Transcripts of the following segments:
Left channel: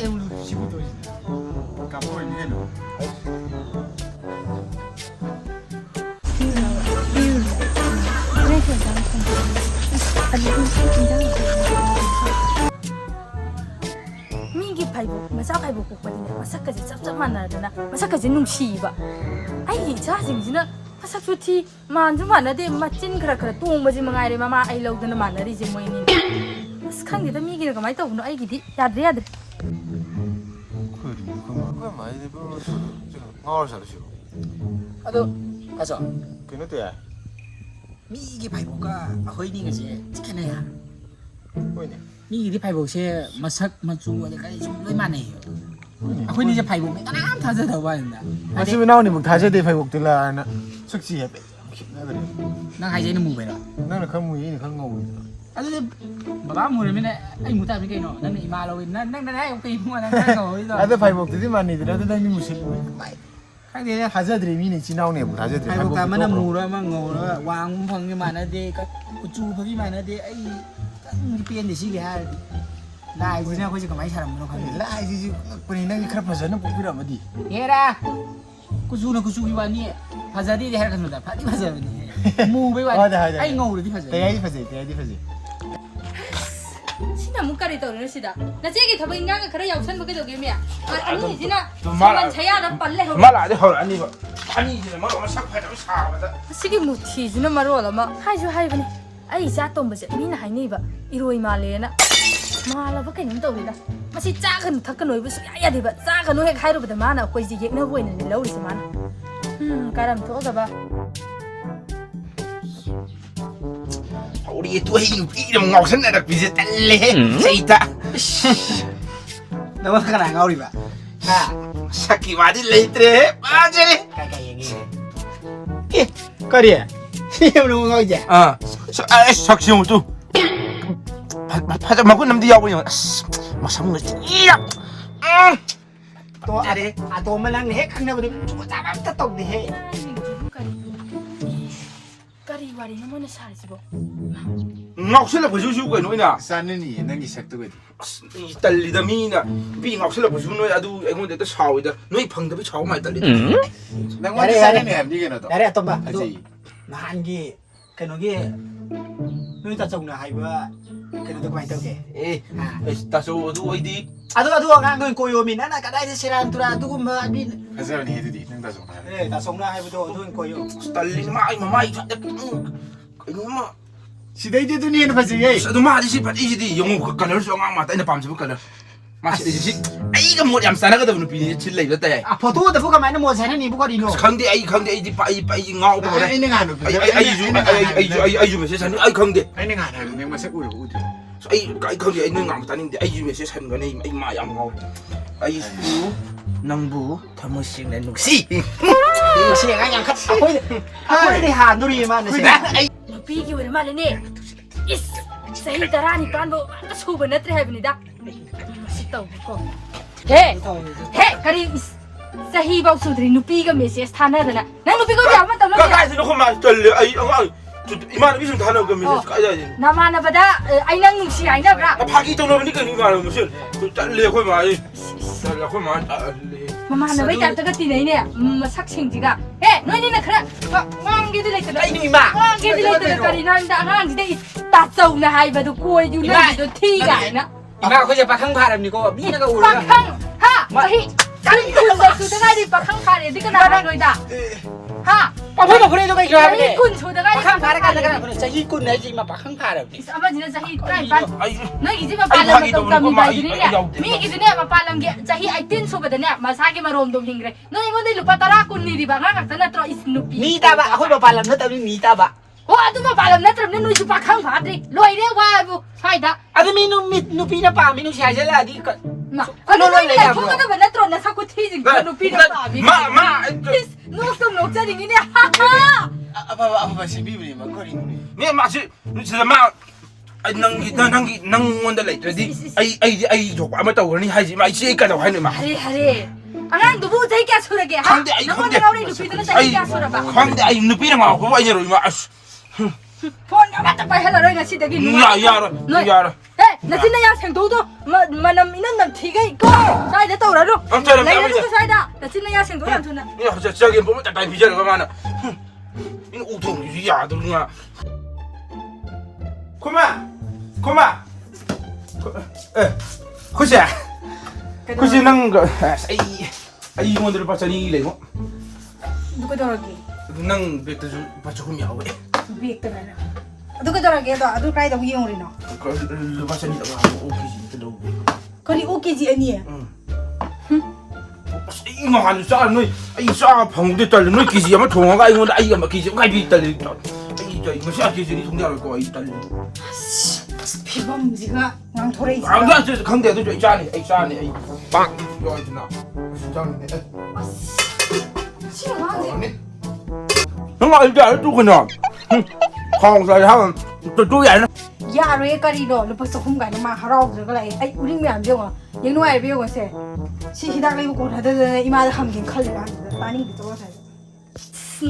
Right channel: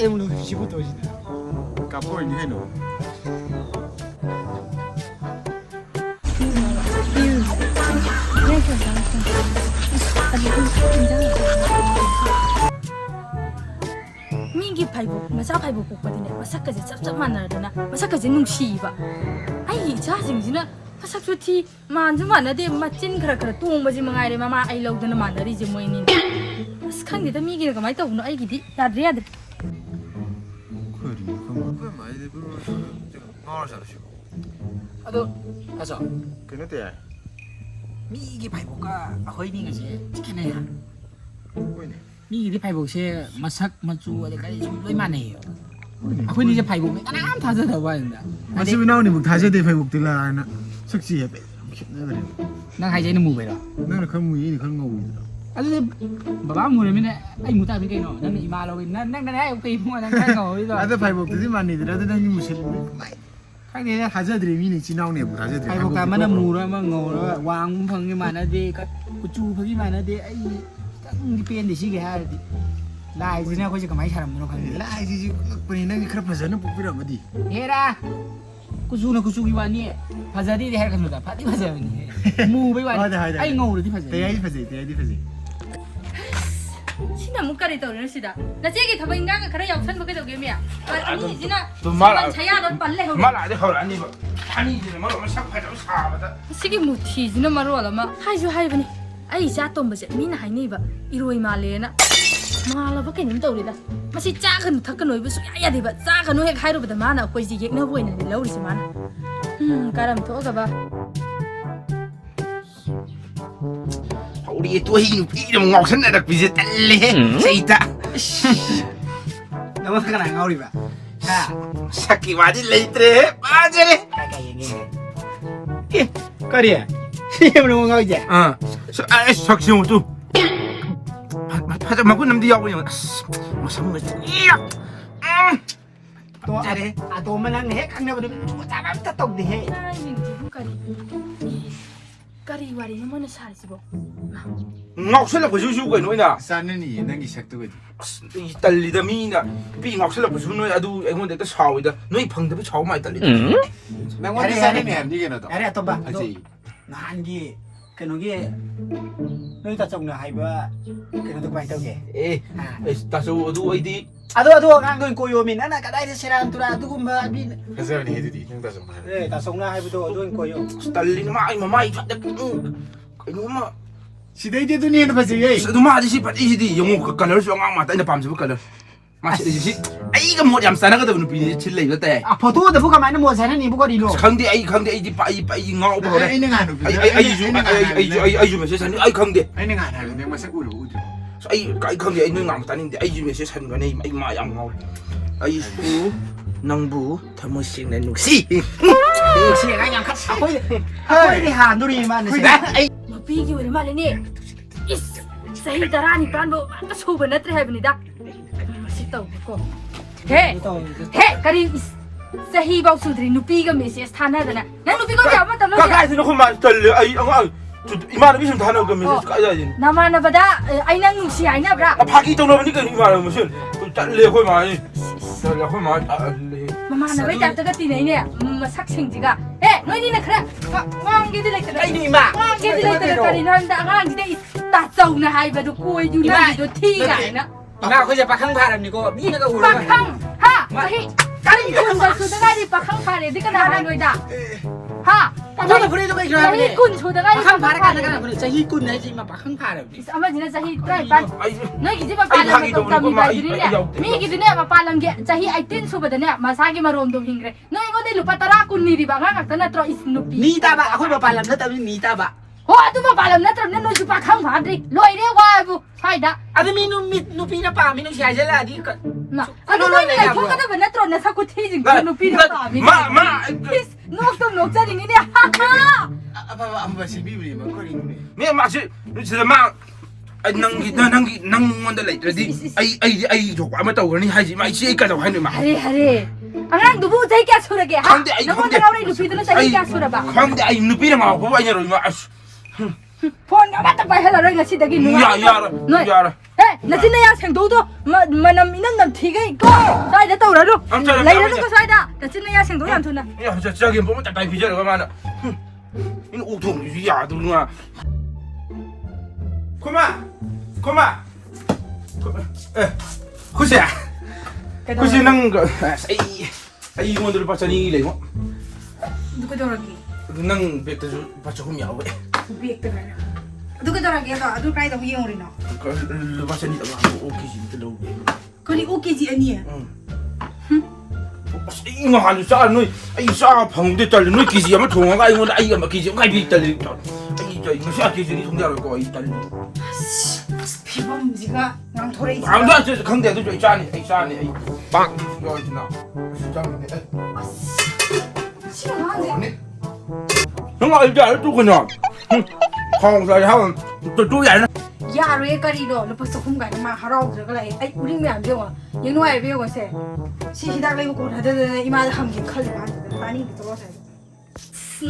때문에 쉬고 도시네. 까보이 니가 미기 팔고 마사 팔고 뽑거든요. 마사까지 짭짭 만나려나 마사까지 눈시봐. 아이 자징지나 마사 좋지 만주 만나데 마찐 그라 똥바지 망아이레 마마 아이 라우드나 만나리지 뭐이니. 스칸게다 미기가 그마이 떠우노 아이기디 야드레 야드. 그래 그만 많이 되고 마을 살으시오. 아도 가서 그는데 미기 발보가 아호이니 거지 찍히네야. 뭐냐? 미기 발보세 마삭 마주 어디까지 좀 로이만해요. 아호이니 이제 발보 맨날 타져다 봐야 마시면 나오니 뭐 다제대 회복들라 나 석시해. 난 하이제는 무베라. 나는 그무이 그거 아주 바바 무르면 아이 무타미 그이노 난 이마로 난 아이 오케이 뭐 난 그거 이거 아들 회복들이 많이 들어도 난 무슨 하게 다제들이 미니 지나오네 뭐 다제들 발보가 만나 무라 망고라 왕 펑이 많아데 구주 펑이 많아데 아이 이 삐엔데 시게 하디 라이즈나 거기 그만 사람으로 가는 라이지 그니 난 그런 파자는 뽑히라 어디 해라 구주나 구주기 와니 파자디 해라 간다 파디 파자니 무베 와니 아이 ngầu 파자 대야지 파자 신나 문까지 떠올리시다. 나 제기 더버 인간가 그래 역선 먹게 저기미야. 아니 지나 말 자야는 빨래 해. 말 안 해. 아니 뭐 아니 이제 뭐 삭발좀 사봐다. 시기 무티지나 말로라마 하이주 하이버니. 아이 자똥버제 미나 하이니바 이로이 말레나. 말라바 그놈 떠올리다. 마시 작은 탁근 오이부 수야야 되바. 작은 오해 하이로보다 많아. 거기 얘기나 보이는 러우리지 많아. 까람 토가 봐. 우리 또 이름 ngọc 비슷 달래. 세이다. 너무 가라 가오리바 자 새끼 와디 레이트레. 맞으래. 예 거리에 시험을 못 가게 아. 석시용 또. 파자 먹고 남디 야보냐. 마상 이야. 또 아래 아또 말랑 해 강나버리 따갑다 떡디 해 까리 와리는 뭐는 살지고. ngọc 보시오 거이 노이나. 싸느니 난 이색도 이 딸리다 미나 비 ngọc 보시오 노이 아두 애군데도 사오이다. 너희 방답이 차오 많이 딸리다. 난 원래 싸느니 함디게 너도 야래 아tomba 아지 나한기 그노게 너희 다 정나 하이바 그노도 많이 떠게 에. 다소 두 어디 아도 ngang koyo min ana kadai siran tura dugumba bin 가자니 해드디 능다 좀 eh ta songna haibudo don koyo 딸리지 마이 잡다. 이놈아. 시대이데 두니에는 파지예 너 마디시 파디시디 영어 컬러 쏘앙 마다 이나 밤새 컬러. 마시디시 아이가 뭐 얌싸나거든 누비니 칠레 이랬대. a photo da buka mai mo sana ni buka dino 강대 아이 디 빠이 ngau 보래. 아이는 안 오고 아이 좀 세상에 아이 강대. 아이는 안 하고 내가 마색 우리 우디 아이 강대 아이 ngam 따는데 아이 좀 세상에 네 아이 마양 ngau. 아이 수 낭부 담으신 내 눈시. singa yang khat akoi ni han duri man ni singa 비기 왜 말이니? 이스 세이 다라니 반보 아까 소바 나트레 해브니다. 맛있다 오고. 해 까리 세이 박수들이 누피가 메시스 타나잖아. 나 누피가 왜 아무도 안 가까이서 놓고 말 떨려. 아이 이만 무슨 단어 그 메시지 까야지. 나만 바다 아이랑 눈시 아이나 브라. 파기 좀 넣으니까 이 말은 무슨 딸려 그 말. 딸려 그 말. 마마는 왜 잡다가 뛰네냐? 삭생지가. 에 너희는 그래. 왕기들 했거든. ai dui ma 왕기들 했거든. 까리 난다 한지대 따싸우나 하이바도 꼬에 주나도 티가 아니나. ma ko je pakang param ni ko ni na ka ulu 팡팡 하 자히 까리 군가 소대가리 팡팡 파래 네가 나라 너이다. 하 apa kore to kai kra 자히 군 소대가리 pakang para ka na ka sahi kun na ji ma pakang param ni 아마 지나 자히 트라이반 아이 너희 이제 빨랑 또 감이다. 미기드네 빨랑게 자히 아이텐 소바드네 마사게 마롬도 힝그래. 너희 이거들 루파 따라 군니리 바가 각다나 트로 이스누피. ni ta ba akoi ba palam na ta ni ta ba 아두마 발음 나트럼 너희 좀 박항 받으리 로이래 와부 하이다. ado mi nu pi na pa mi nu siya jala di ka 나 너희 내가 통과도 나트럼 나 사고 테이징 너 피는 바비. 마 녹도 녹자링이네. 하하. 아빠 시비브리 막 거리니 네 마치 진짜 막 아이 낭 원더 레이트디 아이 저 아무 또 원이 하지 마 이제 이까지 하는 마 하리. 아 누구 자기가 소라게. 강대 아이 너무 나오는 루피들은 자기가 소라봐. 강대 아이 누비는 막 그거 아니라 마 폰 갖다 빨리 하라 너희가 시대기 누가. 야라 Hey, natin na ya sengdo do. Manam inan nam thigay ko. Sai da tawra do. Lai da ko sai da. Natin na ya sengdo yam thuna. 야, 저기 보면 딱 비자를 그만아. 이 오통 야, 누나. 고마. 고시야. 고시 능 거. 아이 이모들 받자니 이래 뭐. Duko doragi. 능 백도 받자 좀 야we. Bek ta mana. Duko doragi ba adu kai da huyong rino. 그 받자니 다 오케지 또. Kali okay ji ani. 이거 한 쌀, 너, 이 쌀, 방대 딸, 너 기지, 아마 동화가 이거, 아이, 아마 기지, 가비 딸, 이, 이거 쌀 기지, 동대할 거, 이 딸. Pibam jiga ngang thore ji. 아무도 저 강대도 저 있잖니, 있잖니, 빵, 이거 있나? 장네. Siang 형 알지, 또 그냥. 강사에 하면 또 야. Ya re kari do lepas khum ga ma harau je ga lai ai uring me am je wa yeng no ai be go se si hidak lai ko da de ima da ham gi khal ba pani bi to sai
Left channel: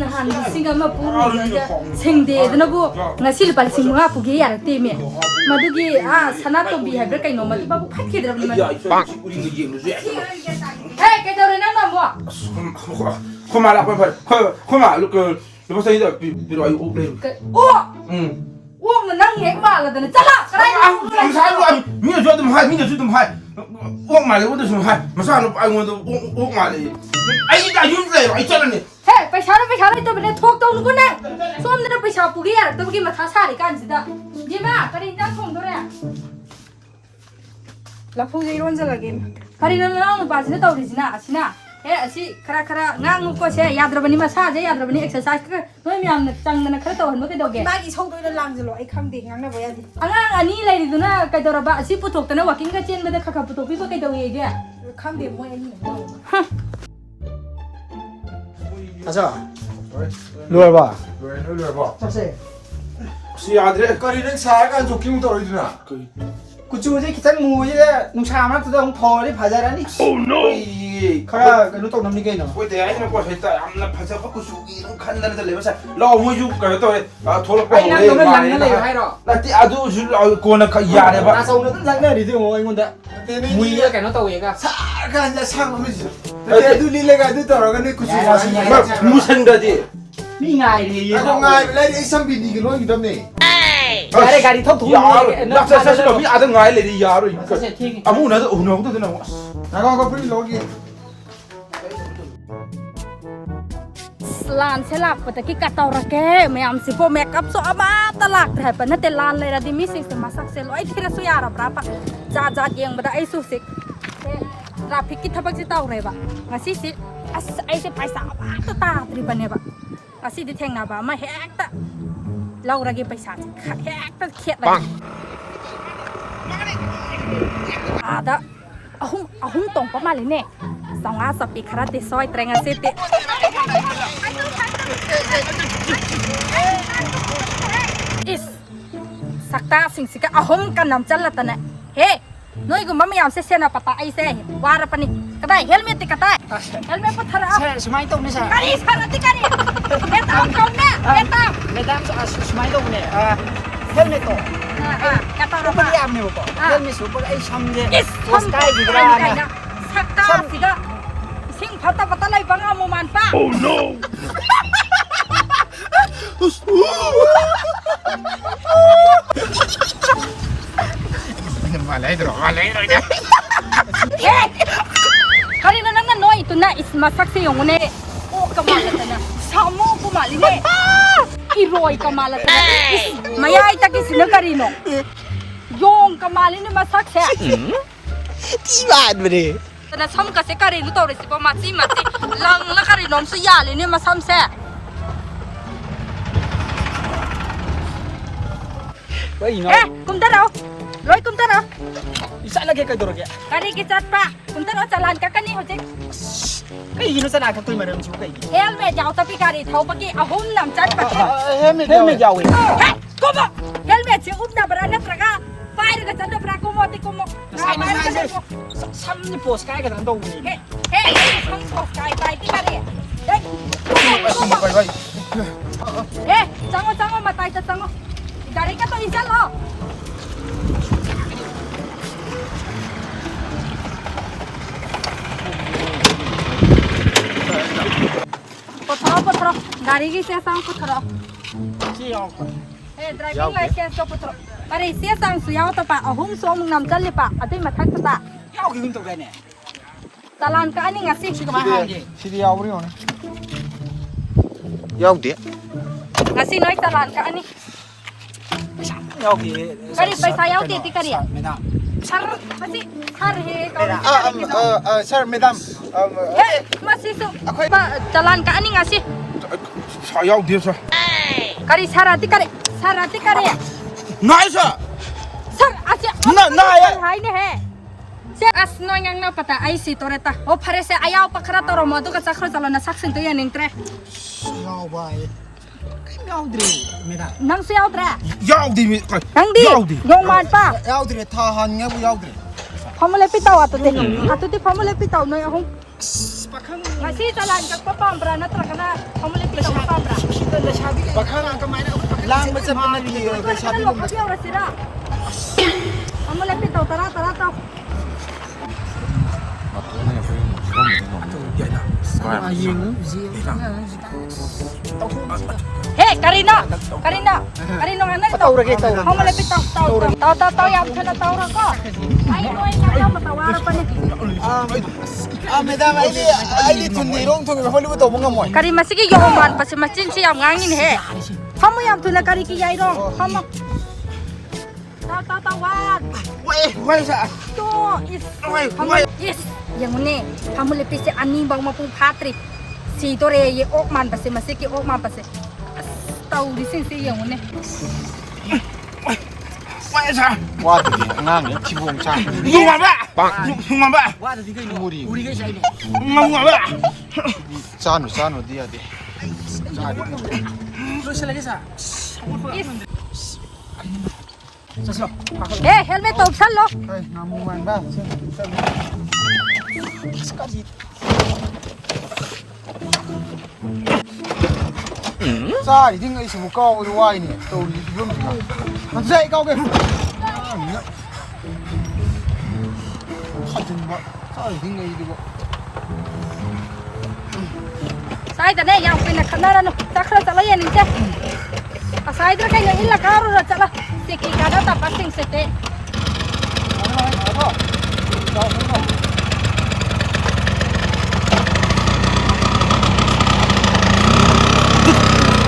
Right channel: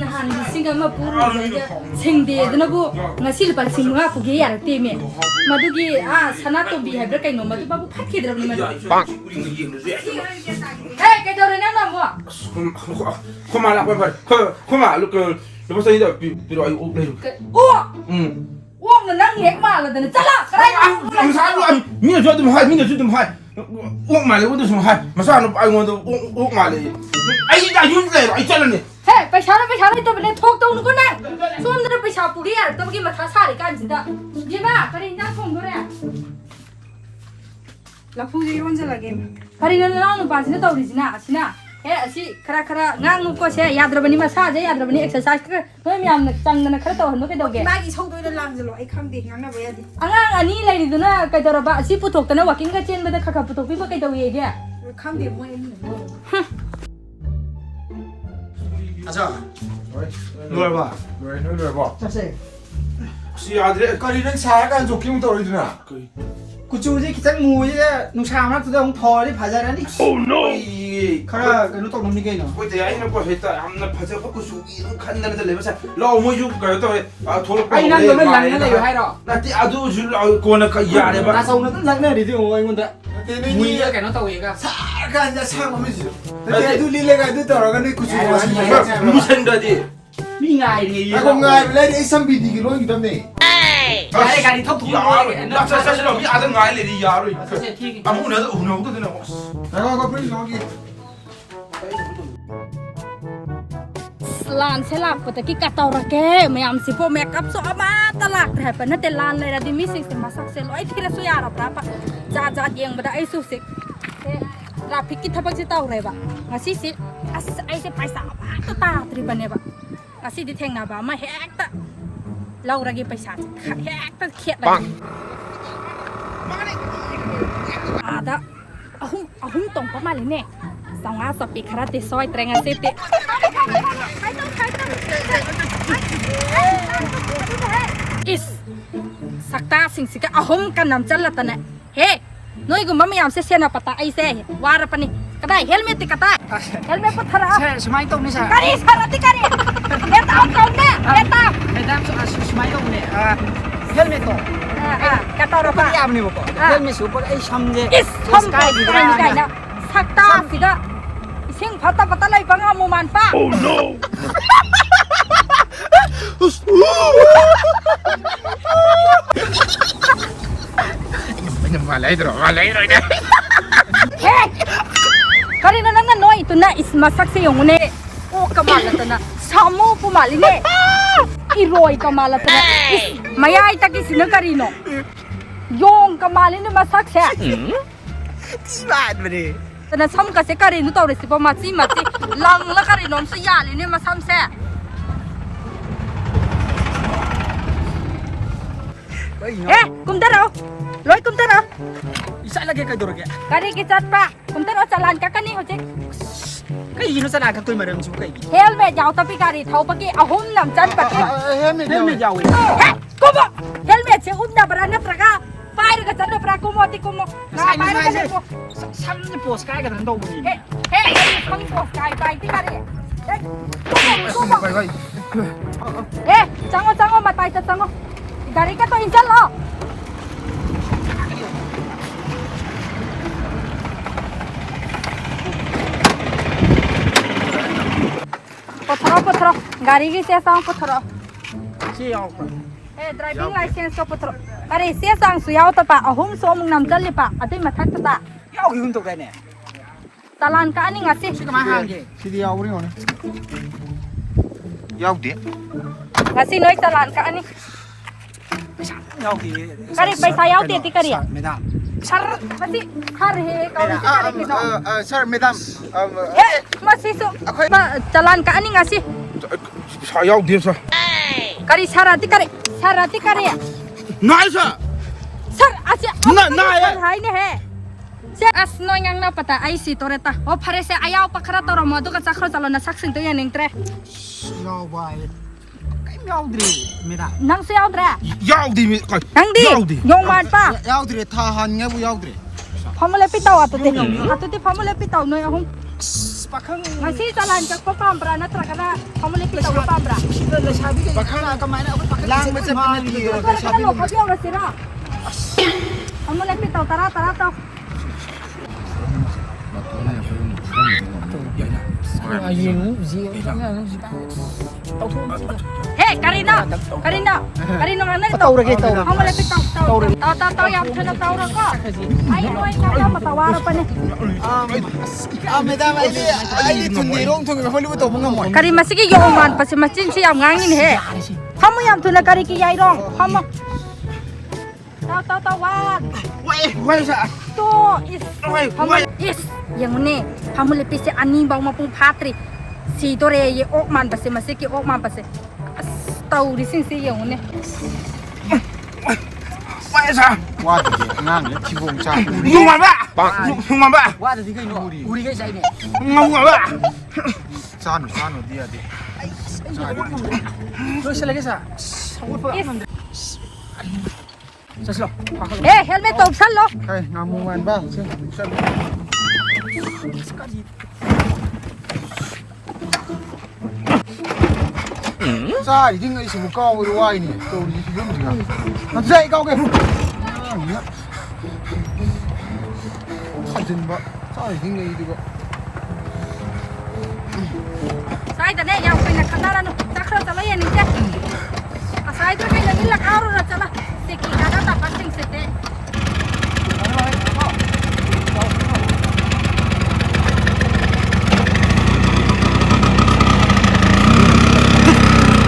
nahan bi singa ma puru je sengde dna bu ngasi pal singa pu ge ya te me madu gi sana to bi habre kai no madu babu phat ke dra ni ma 빵. 우리 이제 이제. hey ke dore na na mo 코마라 코마 그 벌써 이제 비로 아이 오래. o 응. o na nang hek ma la da chala karai 아, 민아 줘 좀 하, 민아 좀 하. 옥 말래, 어디 좀 하. 마사는 아이 원도 옥 말래. 아이 나 윤래, 아이 잘랐네. hey paisa to bene thok to nu ko na som na paisa puri ya to gi ma tha sa ri kan ji da di ba kari na khong do re la phu ji ron jala game kari na la nu ba ji na to ri ji na asina he asi khara ngang nu ko se yadrabani ma sa je yadrabani exercise ka noi mi am na chang na khara to han ke do ge Magi song doi da lang jelo ai khang de ngang na ba ya di. angang ani lai ri du na ka do ra ba asi pu thok ta na walking ka chen ba da kha pu thok bi ba kai do ye ge Khang de mo ni mo. 아자 뭘 봐. 왜 너를 봐 짭세. 혹시 아들 거리는 사가 좋긴 떨어지나 그 구조지 기장 무지 농사만 뜯어 벌이 바자라니. 이 카라 그 노동 남는 게 있나. 뭐 대야 이거 뭐 했다 암나 파자 갖고 수기 칸나를 달래면서 너무 죽고 또 돌고 아니 난 너는 랑는 거 하이러. 나티 아주 줄 고나 카 야래 봐 나서는 랑나 리드 뭐 이건데. 때문에 무이가 cái nó tàu 얘가. 사가 앉아 상하면서 내가 둘리래가 들어가는 구조 무슨 거지 미나이. 이거 ngay lấy để xem bị gì nói gì tâm này cái 가리 턱 통. 나 사실 이 아들 나이래 이 야로 사실 튀기. 아무 나도 오늘도 되나 나가 거 프리 로기 lan se lak pa ta ki ka taw ra ke mayam si po makeup so ama talak thai pa na te lan le ra di mi sing se masak se lo ai thira su ya ra pra pa ja yeng ba da ai su sik traffic ki thabak si taw re ba ngasi si as ai se paisa ba ta tri ba ne ba ngasi di theng na ba ma hek ta lau ra gi paisa hek ta khet ra ada ahum tong pa ma le ne sanga sa pi khara te soi trenga se te is sakta sing sika ahom kan nam chala tane he noi gu mami am se sena pata ai se war pani kadai helmet ti kata helmet pa thara sumai tong ni sa. kari sarati kari eta kaun ne eta Madam sumai tong ni. Helmet to. kata ro Super yam ni ko. Helmet super ai samje. Sky di gra. sakta sika sing pata lai banga mo man pa oh no malay dro ida Hey! Kari na nga no ito na is masak sa yung ne. O kamalata na. Samo pumali ne. Iroy kamalata na. Mayay taki sinagari no. Yung kamali na masak siya. Tiban mo rin Na sam kasi kari no tawre si pamati lang na kari no sa yali ni masam siya. Kumdaraw. Roy kumdaraw. Isa lagi ka dorog ya. Kari kicat pa. Kumdaraw salan ka kani ho jek. Cái gì nó sẽ là cái tôi mà đâm chú cái gì? Helmet yaw tapi kari thau pagi ahum nam chan pagi. Helmet giàu. Komo helmet se umna barana praga. Fire ka tan pra komo ti komo. Na fire ka ko. Xăm cái post cái cái thằng đâu nhỉ? He không có cái bài ti kari. Đấy. Komo. He, chango mà tay ta chango. Gari ka to injal lo. putra. Gari ki se sang putra. ชี้เอาก่อน Eh, driving license ko putra. Kari se sang su yaw ta pa ahum so mung nam chal li pa. Ati mathak ta. เอาอยู่ตรงไหนเนี่ย Talan ka ani ngasi. ชี้ก็มาห้ามดิ 시리 야오리 오네. 야오디. Ngasi noi talan ka ani. เอาดิ Kari paisa yaw ti ti kari. ไม่ได้ Sar masi har he ka ri kari ki do. sir, madam. Eh, masi so. Talan ka ani ngasi. 사야오 돼서 Kari sarati kari. Sarati kari. 나이스 Sar asya. 나야 Hai ne he. Se as no yang na pata ai si toreta. O phare se ayaw pakhara toro modu ka chakhro chalona saksin to yaning tre. เอาไปไอ้ไม่เอาดิไม่ได้ Nang se yaw dra. 야오디 Nang di. 야오디 Yung man pa. 야오디래 타한냐 뭐 야오디래. Famole pitaw atu ti famole pitaw no yung. ปากข้าง Masih jalan ke Papambra na tra kana famole pitaw Papambra. เดินเลยชาบิกันปากข้างก็ไม่ได้เอาไปปากข้าง Lang macam ni dia nak Sabi sabi. lo kabiyaw na sira. Famole pitaw tara taw. อายุนู้จี Hey Karina ngana to. Famole pitaw taw yang kana taw ra ko. Ay no ay kaya matawara pa ni. madam ini tundirong tung Hollywood to mga mo. Kari masigi yaman pasi macin si yang ngangin he. Kamu yang tuna kari ki yai rong. Kamu. Taw wan. 와이사 To is 와이 Yes, yang ni, kamu lebih si ani bang mampu patri. Si tore ye okman pasi masih ki okman pasi. Tahu di sini si yang ni. 와이사 Wah, ngang cium cang. 융마바 융마바 ว่าแต่ที่ก็อยู่อุริก็ใช่เนี่ย 융마바 Sanu dia dia. รู้ใช่เลยก็ใช่ Yes. ใช่หรอปากข้าง Eh, helmet tu sal lo. Hey, ngamungan ba? Sa, ini ngai sumu kau itu wah ini. Tuh, itu belum juga. Nanti kau ke? Ini. Hajen ba. Sa, ini ngai itu kok. Saya tadi yang pilih kendaraan cakra cakra yang ni cak. Saya tu kan yang ilah kau dah cakra. Siki kada tak penting sete.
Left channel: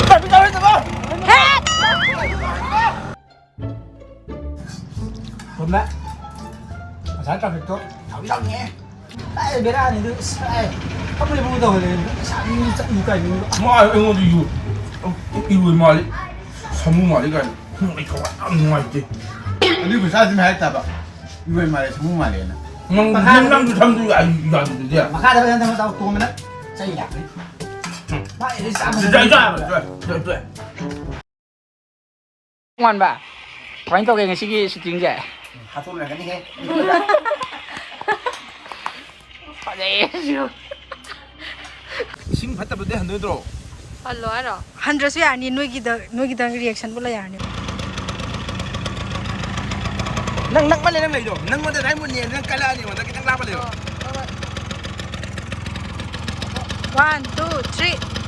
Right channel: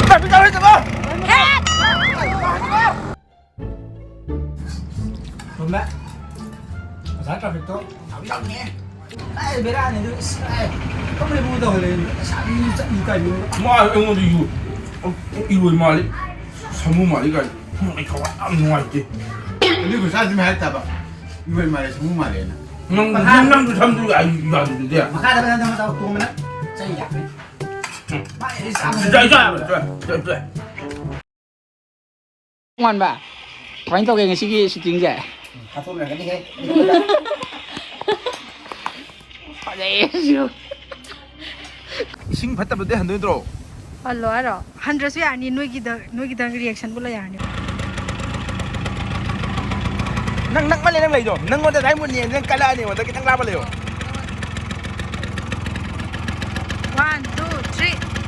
tapi kau itu bang ผมแม่ภาษาตะวันตกเอาอย่างเงี้ยได้เวลาเนี่ยดูใช่เขาไม่ได้พูดต่อเลยชาบีจะอีกกันอยู่ 뭐 응어도 이거 말이 사무 말이가 이거 안 좋아했지 Ini bisa di mana tak? Ibu mari semua mari na. 남도 잠도 이거 안 되는데 มาฆ่าได้ไหมต้องเอาตัวมันนะใช่อยากเลยไม่ได้สาม 자วันบ่าวันตัวเองสิจริงแก่หาตัวไหนกันดิเฮ้ 싱 받다 보대 한 돈으로 Hello aro. 100 ya ni noi kita reaction bola ya ni. nang mali nang lagi nang wala dai mo ni nang kala ni wala kitang laban leyo 1 2 3